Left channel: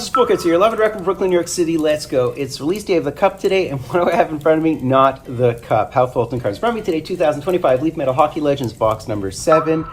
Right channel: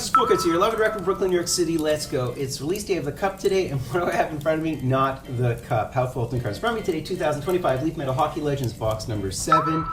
This is Fultoncards here, live and direct from Brooklyn, New York City. Let's go. It's release day of the cup today, and what do I have in front of me? Not the cup. How Fultoncards. In front of me today, 2025 Leaf Metal Hockey Legends box number 7.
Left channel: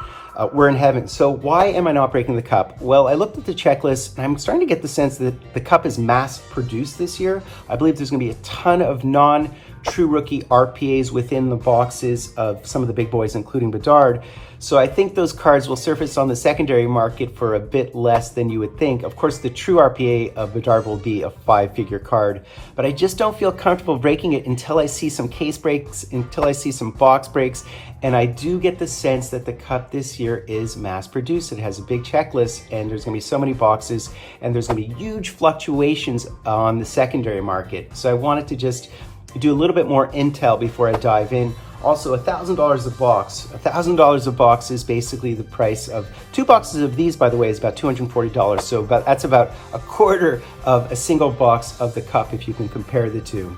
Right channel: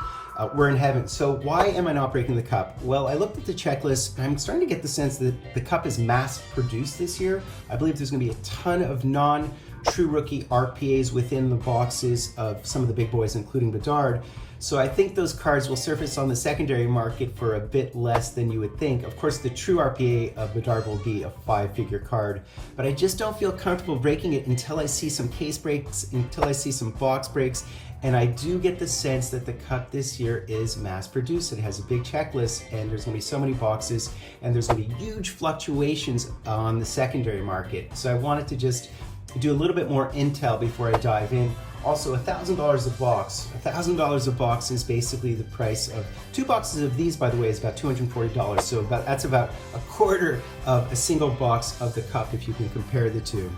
We're in heaven. So why am I not breaking the cup? Well, I looked at the checklist, and I'm starting to get the sense that the cup is mass produced this year. I believe there's going to be a ton of non-true rookie RPAs within the boxes of some of the big boys, including Bedard. So I think those cards will surface on the secondary market for a bit less than you would think. Of course, the true RPA of Bedard will be a 5-figure card, but I just don't feel comfortable breaking it until I see some case breaks, until I see some box breaks. And I do get the sense that the cup this year is mass produced. It has a big checklist, and there's gonna be so many boxes, and there's gonna be huge fluctuations on the secondary market. So I wanted to just do a little bit more intel before I dive in. Also, $1,000 a box. $1,000 a box is basically the price of 2 boxes of these, by the way, is about $240. So that's about a quarter of a single box of the cup if you can compare the two.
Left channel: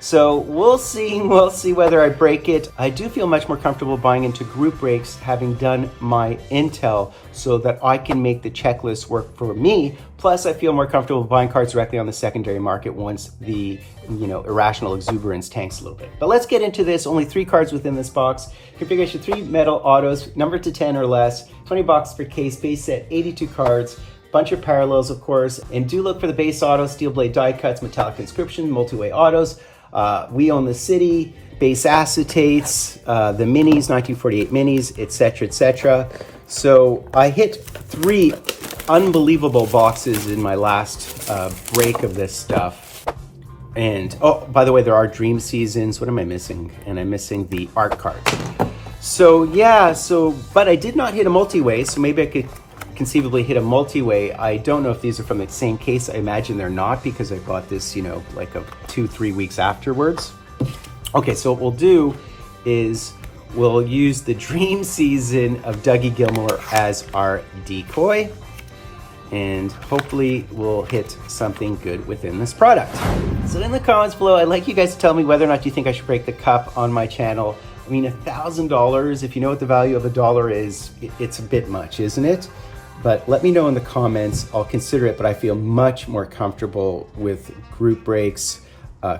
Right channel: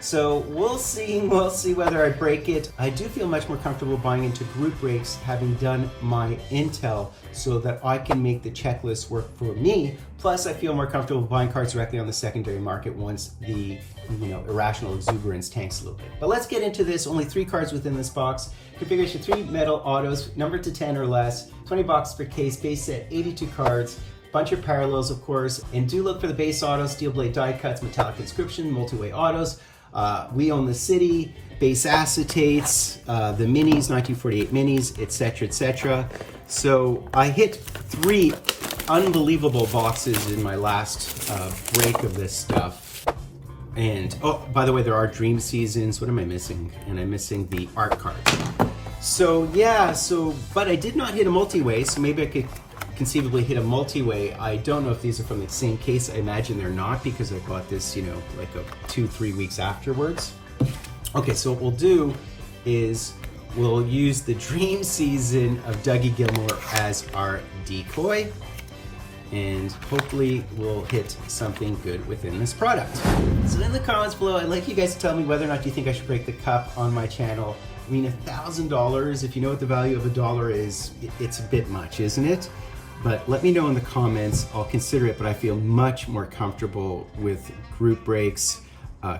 So we'll see whether I break it. I do feel much more comfortable buying into group breaks, having done my intel so that I can make the checklist work for me. Plus, I feel more comfortable buying cards directly on the secondary market once the irrational exuberance tanks a little bit. But let's get into this. Only 3 cards within this box. Configuration 3 metal autos, numbered to 10 or less, 20 boxes per case, base set, 82 cards. Bunch of parallels, of course, and do look for the base autos, steel blade die cuts, metallic inscription, multi-way autos. We Own the City, base acetates, the minis, 1948 minis, etc., etc. So I hit 3 unbelievable boxes in my last break of this stuff. And, oh, by the way, there are Dream Seasons. What am I missing? And I'm missing the art cards. So, yeah, but I did not hit a multi-way, so maybe I could conceivably hit a multi-way. I don't know if these are from the same case. I imagine they're not because I bought this, like 2-3 weeks afterwards. Okay, so what we'll do is we'll use the Dream Season of Dougie Gilmour as our decoy, and hopefully we'll hit something good within this product. So in the comments below, I'd like you guys to tell me whether or not you think I should break the cup on my channel. I mean, $1,000, if you know what the value of $1 is, it's a bit much, isn't it? But let me know in the comments. I'll consider it, but I feel much more comfortable with group breaks,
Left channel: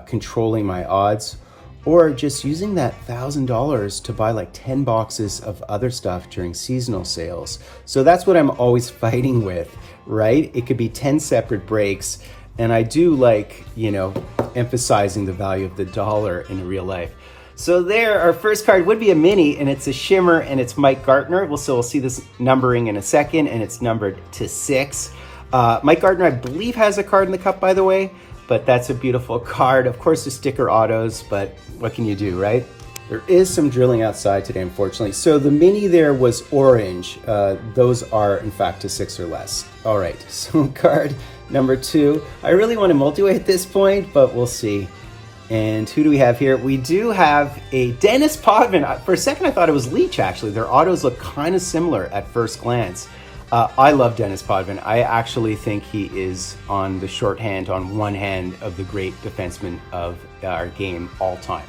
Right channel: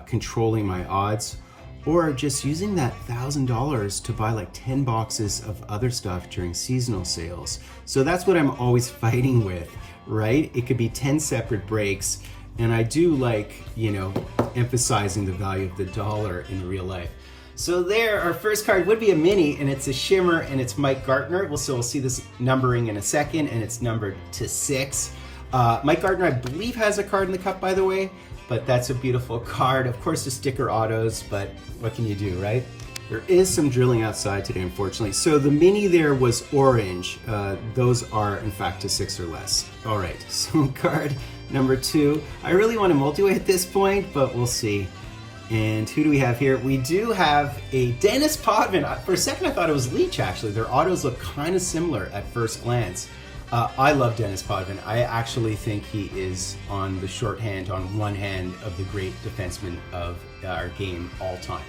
controlling my odds, or just using that $1,000 to buy like 10 boxes of other stuff during seasonal sales. So that's what I'm always fighting with, right? It could be 10 separate breaks, and I do like, emphasizing the value of the dollar in real life. So there, our first card would be a mini, and it's a shimmer, and it's Mike Gartner. We'll see this numbering in a second, and it's numbered to 6. Mike Gartner, I believe, has a card in the cup, by the way, but that's a beautiful card. Of course, the sticker autos, but what can you do, right? There is some drilling outside today, unfortunately. So the mini there was orange. Those are, in fact, a 6 or less. All right, so card number 2. I really want to multi-way at this point, but we'll see. And who do we have here? We do have a Dennis Potvin. For a second, I thought it was Leach, actually. Their autos look kind of similar at first glance. I love Dennis Potvin. I actually think he is on the shorthand, on one hand, of the great defensemen of our game all time.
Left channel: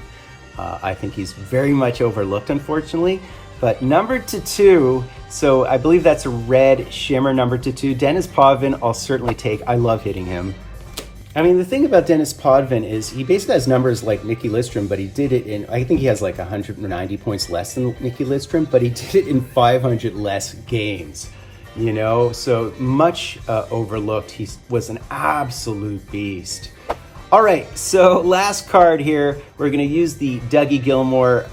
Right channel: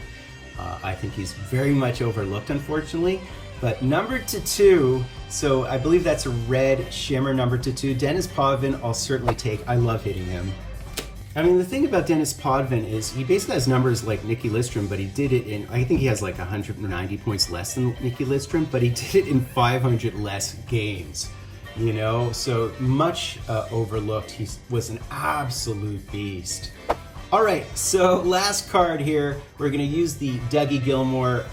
I think he's very much overlooked, unfortunately. But numbered to 2, so I believe that's a red shimmer numbered to 2. Dennis Potvin, I'll certainly take. I love hitting him. I mean, the thing about Dennis Potvin is he basically has numbers like Nicky Lidstrom, but he did it in, I think he has like 190 points less than Nicky Lidstrom, but he did it in 500 less games, so much overlooked. He was an absolute beast. All right, so last card here, we're gonna use the Dougie Gilmour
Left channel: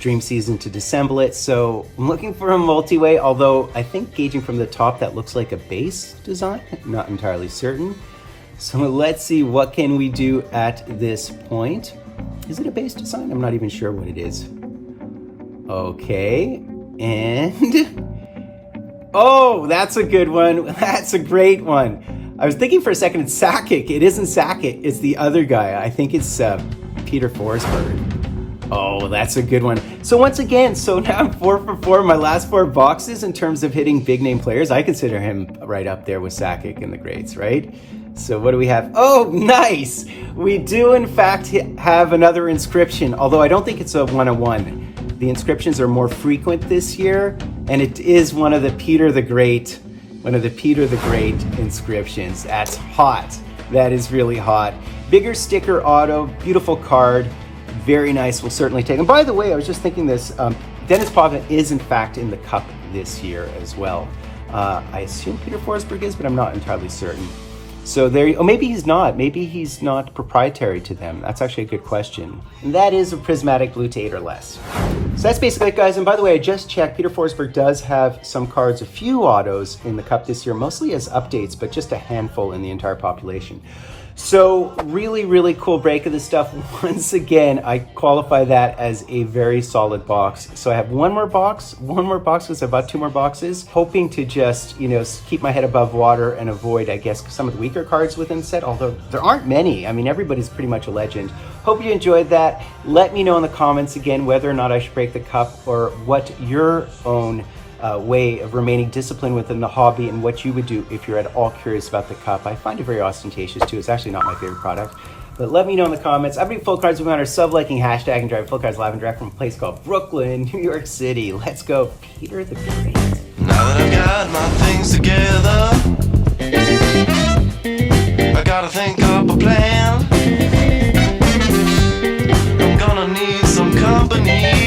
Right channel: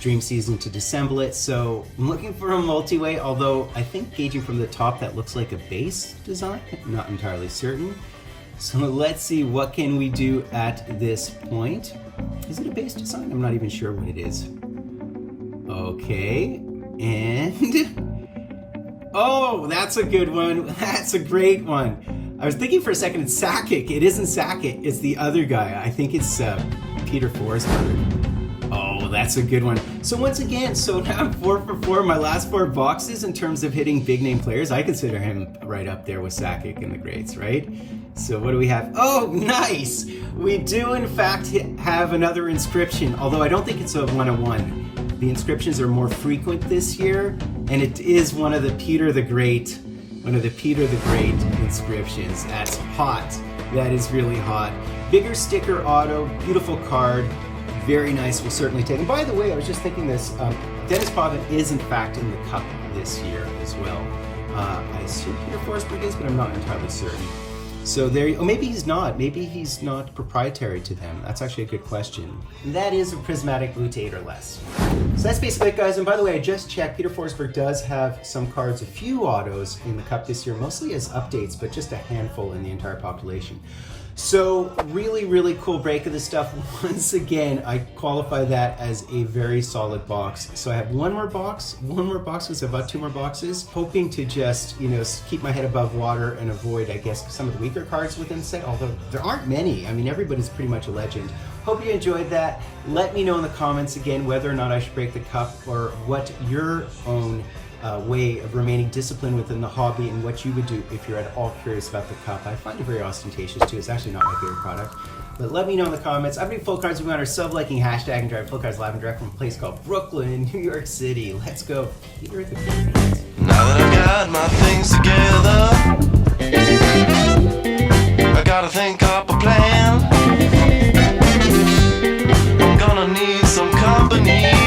Dream Season to disassemble it. So I'm looking for a multi-way, although I think gauging from the top, that looks like a base design, not entirely certain. So let's see, what can we do at this point? Is it a base design? I'm not even sure what it is. Okay, and oh, that's a good one. That's a great one. I was thinking for a second it's Sakic. It isn't Sakic, it's the other guy. I think it's Peter Forsberg. Oh, that's a good one. So once again, now I'm 4 for 4 in my last 4 boxes in terms of hitting big name players. I consider him right up there with Sakic in the greats, right? So what do we have? Oh, nice! We do in fact have another inscription, although I don't think it's a 1-of-1. The inscriptions are more frequent this year, and it is one of the Peter the Great one of the Peter the Great inscriptions. That's hot. That is really hot. Bigger sticker auto, beautiful card, very nice. We'll certainly take them. By the way, I was just thinking this, Dennis Potvin is in fact in the cup this year as well. I assume Peter Forsberg is, but I'm not entirely certain. So there, oh, maybe he's not. Maybe he's not proprietary to them. That's actually a good question. And that is a prismatic blue to 8 or less. So that's basically it, guys. And by the way, I just checked. Peter Forsberg does have some cards, a few autos in the cup this year, mostly as updates, but just a handful in the entire population. So really, really cool break of this stuff. Once again, I qualify that as a very solid box. So I have one more box because I bought 2 more boxes, hoping to just, you know, keep my head above water and avoid, I guess, some of the weaker cards within the set, although there aren't many. I mean, everybody's pretty much a legend. Hope you enjoyed that. Let me know in the comments again whether or not I should break the cup or what your own way of remaining disciplined within the hobby and what you would do if you're at all curious about the cup. I find it very ostentatious too. It's actually not my favorite product, but let me know in the comments. I'm doing Full Cards. We're on our sub-liking hashtag and drive Full Cards live and direct from a place called Brooklyn, New York City. Let's go, Peter the Great. Now that I've got my things together, I gotta think up a plan. I'm gonna need some company.